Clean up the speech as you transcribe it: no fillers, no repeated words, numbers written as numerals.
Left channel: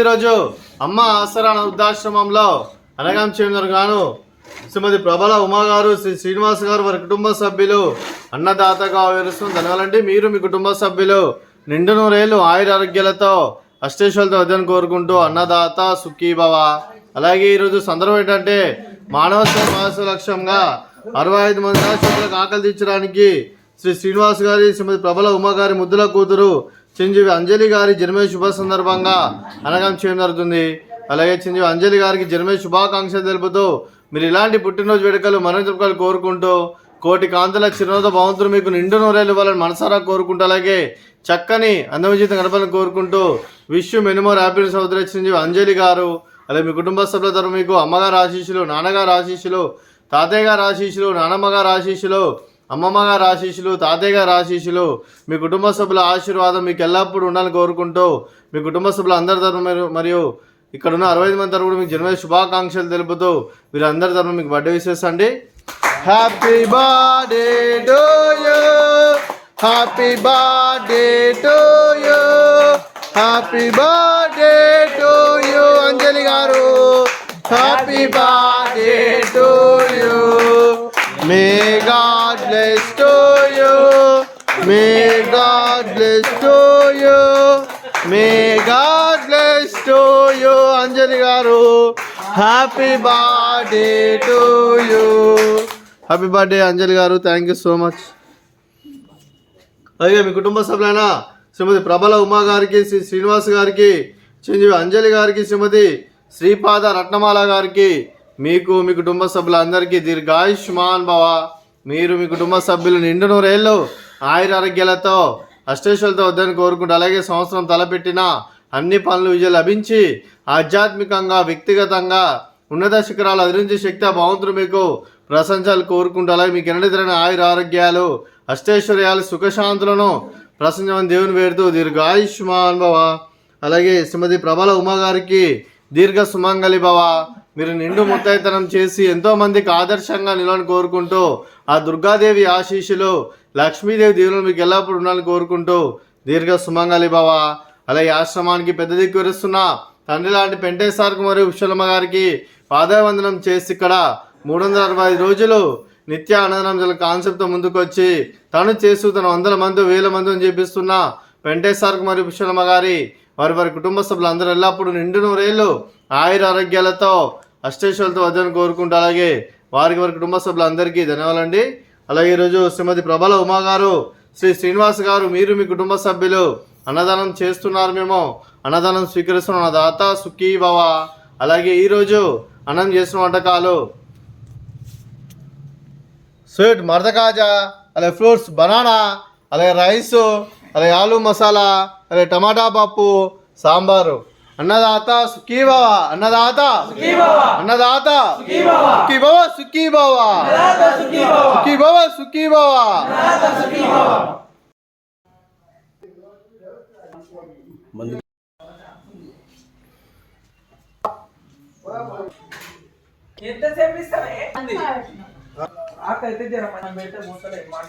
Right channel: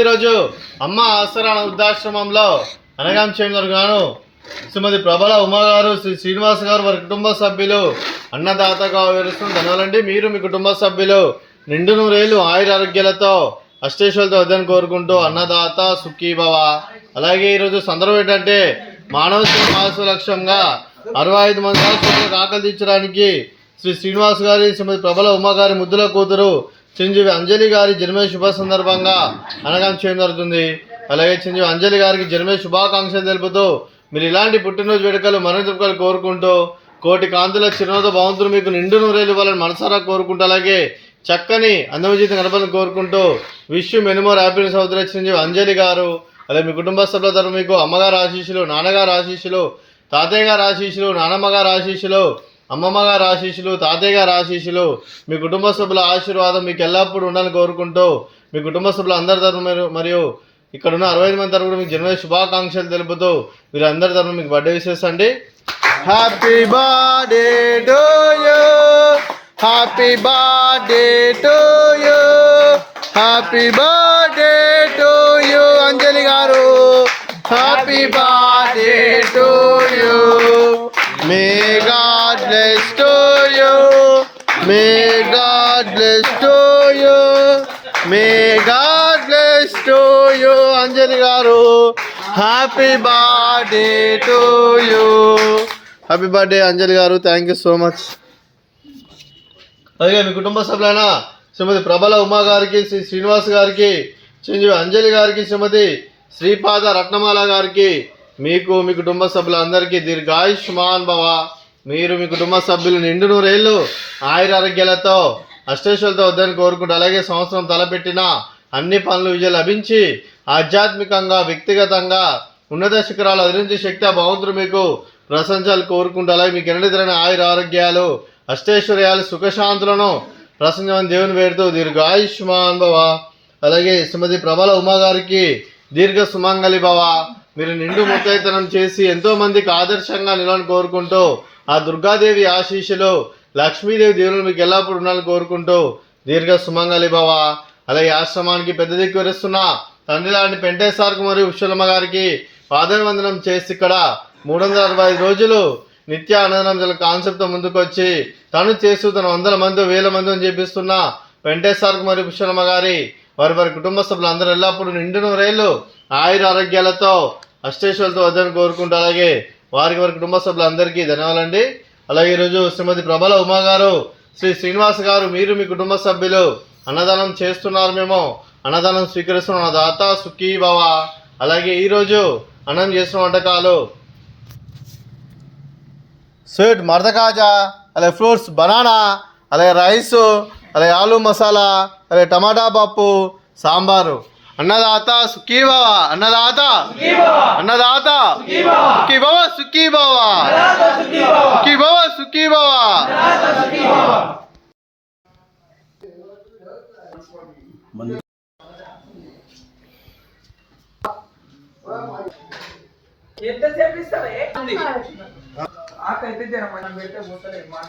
ఈరోజు అమ్మ ఆసరా వృద్ధాశ్రమంలో అనగాం చేందర్ గాను శ్రీమతి ప్రబల ఉమా గారు, శ్రీ శ్రీనివాస్ గారు, వారి కుటుంబ సభ్యులు అన్నదాతగా వివరిస్తున్న ధన్యవాదాలండి. మీరు మీ కుటుంబ సభ్యులు నిండు నూరేళ్ళు ఆయురారోగ్యాలతో అష్టేశ్వరులతో వద్దని కోరుకుంటూ అన్నదాత సుఖీభవ. అలాగే ఈరోజు సందర్భం ఏంటంటే మానవ సేవ మహోత్సవ లక్ష్యంగా 65 మంది అనాథలకు ఆకలి తీర్చడానికి శ్రీ శ్రీనివాస్ గారి, శ్రీమతి ప్రబల ఉమా గారి ముద్దుల కూతురు చిరంజీవి అంజలి గారి జన్మదిన శుభ సందర్భంగా అనగాం చేయడం జరుగుతుంది. అలాగే చిరంజీవి అంజలి గారికి జన్మదిన శుభాకాంక్షలు తెలుపుతూ మీరు ఇలాంటి పుట్టినరోజు వేడుకలు మరణోత్సవాలు కోరుకుంటూ కోటి కాంతుల చిరునవ్వుతో భగవంతుడు మీకు నిండు నూరేళ్ళు ఇవ్వాలని మనసారా కోరుకుంటూ అలాగే చక్కని అందవిజీతం గడపాలని కోరుకుంటూ విష్ మెనుమోర్ హ్యాపీనెస్ అవుతారు చిరంజీవి అంజలి గారు. అలాగే మీ కుటుంబ సభ్యుల తరఫు మీకు అమ్మగారు ఆశీస్సులు, నాన్నగారు ఆశీస్సులు, తాతయ్య గారు ఆశీస్సులు, నానమ్మ గారు ఆశీస్సులు, అమ్మమ్మ గారు ఆశీస్సులు, తాతయ్య గారు ఆశీస్సులు, మీ కుటుంబ సభ్యుల ఆశీర్వాదం మీకు ఎల్లప్పుడూ ఉండాలని కోరుకుంటూ మీ కుటుంబ సభ్యులు అందరి తరఫు మరియు ఇక్కడ ఉన్న 65 మంది తరఫు మీకు జన్మదిన శుభాకాంక్షలు తెలుపుతూ మీరు అందరి తరఫు మీకు బర్త్డే విషెస్ అండి. Happy birthday to you, happy birthday to you, happy birthday to you Anjali garu, happy birthday to you. May God bless to you, may God bless to you, may God bless to you Anjali garu, happy birthday to you. Happy birthday Anjali garu, thank you so much. అలాగే మీ కుటుంబ సభ్యులైన శ్రీమతి ప్రబల ఉమా గారికి, శ్రీ శ్రీనివాస్ గారికి, చిరంజీవి అంజలి గారికి, శ్రీమతి శ్రీపాద రత్నమాల గారికి, మీకు మీ కుటుంబ సభ్యులందరికీ దీర్ఘాయుష్మాన్ భవ. మీరు మీ కుటుంబ సభ్యులు నిండు నూరేళ్ళు ఆయురారోగ్యాలతో అష్టేశ్వరులతో వద్దని కోరుకుంటూ అలాగే సంవత్సరం తలపెట్టిన అన్ని పనులు విజయం లభించి ఆధ్యాత్మికంగా వ్యక్తిగతంగా ఉన్నత శిఖరాలు అధిరించే శక్తి భగవంతుడు మీకు ప్రశంసలు కోరుకుంటూ అలాగే మీకు ఎన్నడెదురైన ఆయురారోగ్యాలు అష్టైశ్వర్యాలు సుఖశాంతులను ప్రసంగం దేవుని వేడుతూ దీర్ఘాయుష్మాన్ భవ. అలాగే శ్రీమతి ప్రబల ఉమా గారికి దీర్ఘ సుమంగళి భవ. మీరు నిండు ముత్తైతనం చేసి ఎంతోమందికి ఆదర్శంగా నిలవని కోరుకుంటూ ఆ దుర్గాదేవి ఆశీస్సులు, లక్ష్మీదేవి దేవులు మీకు ఎల్లప్పుడూ ఉండాలని కోరుకుంటూ దీర్ఘ సుమంగళి భవ. అలాగే ఆశ్రమానికి పెద్ద దిక్కు విరుస్తున్న తండ్రి లాంటి పెంటేశ్వర్కు మరియు విశ్వలమ్మ గారికి పాదవందనం చేసి ఇక్కడ 365 రోజులు నిత్య అన్నదానం కాన్సెప్ట్తో ముందుకు వచ్చి తను చేస్తూ తన 100 మంది 1000 మందిని చేపిస్తున్న పెంటేశ్వర్కు మరియు విశ్వలమ్మ గారి వారి కుటుంబ సభ్యులు అందరూ ఎల్లప్పుడూ నిండు నూరేళ్ళు ఆయురారోగ్యాలతో అష్టేశ్వరులతో వద్దని కోరుకుంటూ అలాగే వారి కుటుంబ సభ్యులందరికీ ధన్యవాదాలండి. అలాగే ఈరోజు శ్రీమతి ప్రబల ఉమా గారు, శ్రీ శ్రీనివాస్ గారు, మీరు మీ కుటుంబ సభ్యులు అన్నదానం చేస్తున్నారు, మేము అన్నదానం స్వీకరిస్తున్న దాత సుఖీ భవ. అలాగే ఈరోజు అన్నం చేసిన వంటకాలు స్వీట్ మర్ద కాజా, అలాగే ఫ్రూట్స్ బనానా, అలాగే రైసు, అలాగే ఆలు మసాలా, అలాగే టమాటా పప్పు, సాంబారు. అన్నదాత సుఖీ భవ, అన్నదాత అన్నదాత సుఖీ భవ, సుఖీ భవ, సుఖీ భవ, సుఖీ భవ. ఎంతసేపు ఇస్తావే ఆకైతే జర మనం పెడితే పోతలే మాట